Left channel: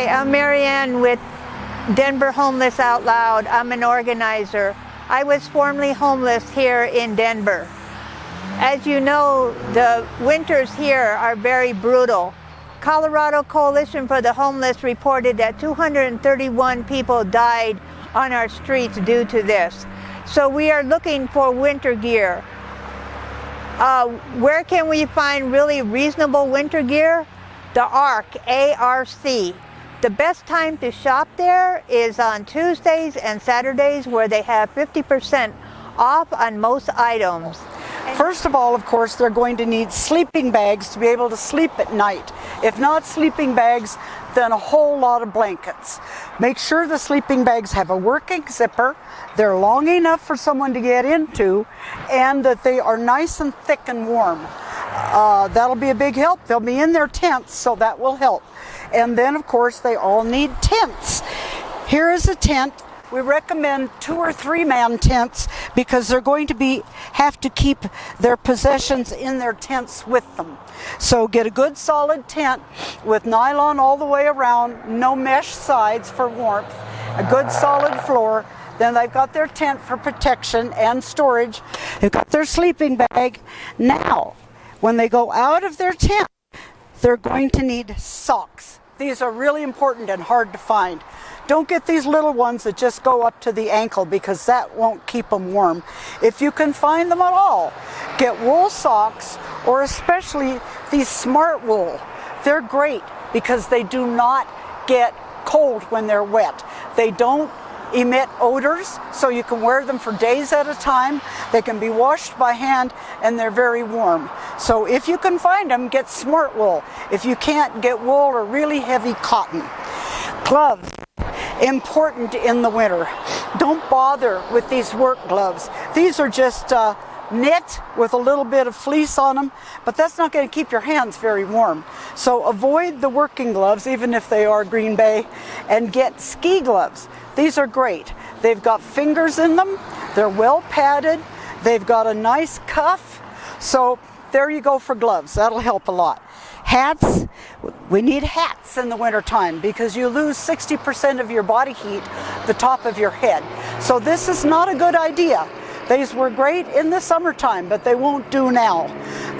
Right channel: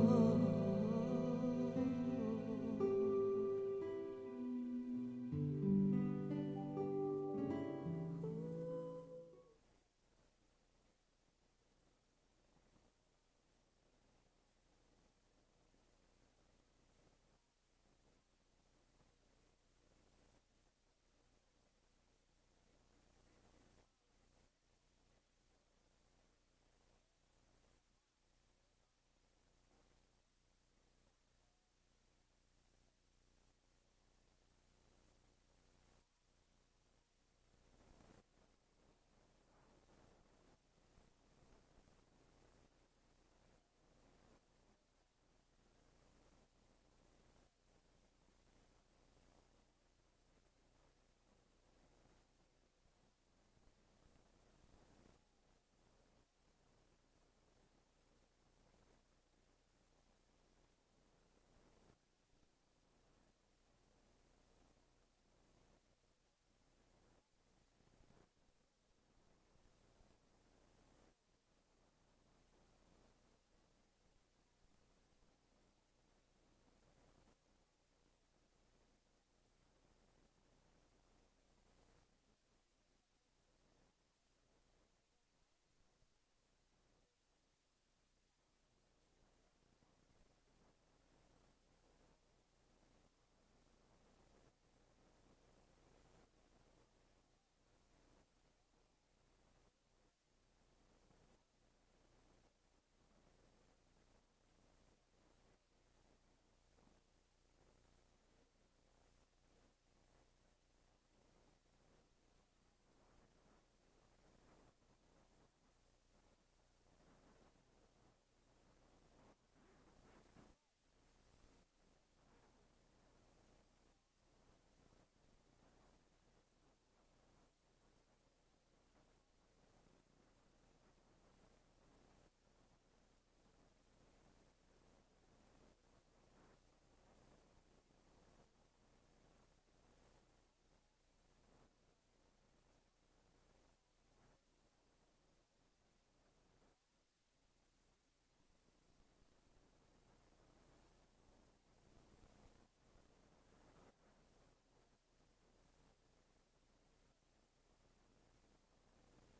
Hi, I'm Marianne with Denver Homeless Out Loud. I'm an organizer. I was formerly homeless here in Denver. As you know, the winters here are very brutal. Colorado Coalition for the Homeless reported that 231 people died on our streets due to this. So we are looking for winter gear. Where can we find really reasonable winter gear? The ARC, A-R-C. The best time to shop there is on Tuesdays and Saturdays, where they have 50% off on most items. First of all, of course, they're going to need sleeping bags to be able to sleep at night. If not sleeping bags, then a whole lot of blankets. Make sure the sleeping bags have a working zipper, they're long enough for someone to get into, and that they are nice and thick and warm. That'll be a big help. They'll be in their tents, so that will help. And then, of course, they all need tents. Here is a tent. We recommend 2 or 3 man tents because they're going to have to keep their possessions in their tents with them. So get a good solid tent with nylon all the way around, no mesh sides for warmth, a good solid floor. Then they've got their tent for protection and storage. They've got their sleeping bag. Now, when they go out of their tent, they're going to need socks. These are really important and hard to find. Don't get these little ones that just go up to the ankle because that won't keep them warm. If you can find them at all, get wool socks, or especially these smart wool. They're great because they do not get cold when they're wet. They don't emit odors, so you can wear them for days at a time. They can be washed by hand, and they're very warm. So if you can find them, get smart wool. If you can't, get wool or really heavy cotton. Gloves, important in the winter. Don't bother with these work gloves. These are just knit with a little bit of fleece on them, but that's not going to keep your hands very warm. So avoid the working gloves, even if they are Green Bay, and get ski gloves. These are great. They've got fingers in them, they're well padded, they've got a nice cuff, so there you go for gloves. That'll help a lot. Hats, we need hats in the wintertime because you lose 60% of your body heat the top of your head. So this is not a good idea. These were great in the summertime, but they won't do now.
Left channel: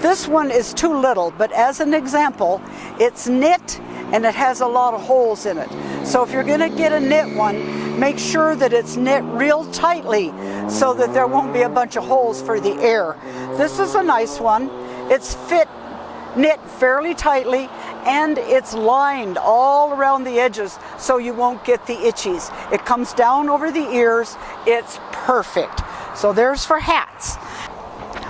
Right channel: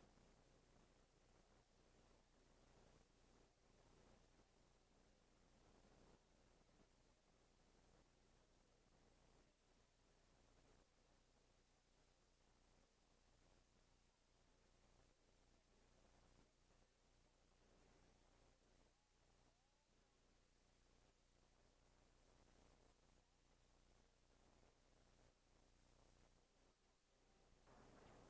This one is too little, but as an example, it's knit and it has a lot of holes in it. So if you're going to get a knit one, make sure that it's knit real tightly so that there won't be a bunch of holes for the air. This is a nice one. It's knit fairly tightly, and it's lined all around the edges so you won't get the itchies. It comes down over the ears. It's perfect. So there's for hats.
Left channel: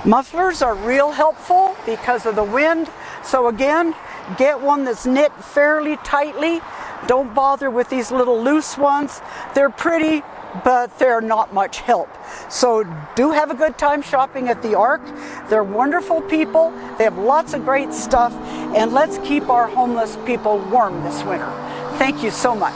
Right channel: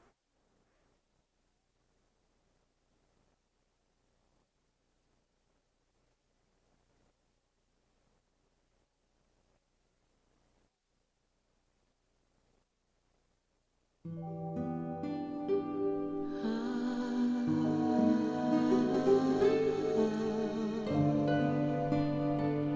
Mufflers are real helpful because of the wind. So again, get one that's knit fairly tightly. Don't bother with these little loose ones. They're pretty, but they're not much help. So do have a good time shopping at the ARC. They're wonderful people. They have lots of great stuff. And let's keep our homeless people warm this winter. Thank you so much.